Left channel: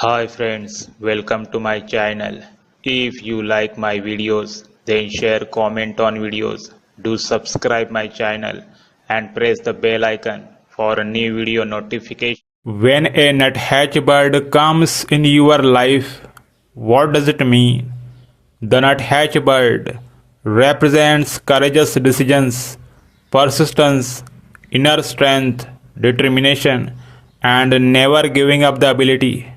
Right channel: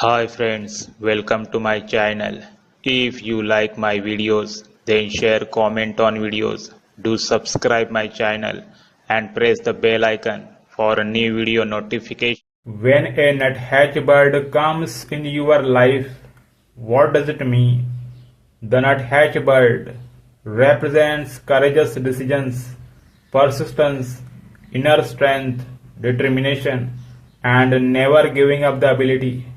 Hi friends, welcome to my channel. If you like my videos, then share comment on videos. Do subscribe my channel and press the bell icon for a new video notification. When a nuthatch bird comes in your life, what does it mean? The nuthatch bird represents courageous decisions, persistence, inner strength, determination, and never giving up the ability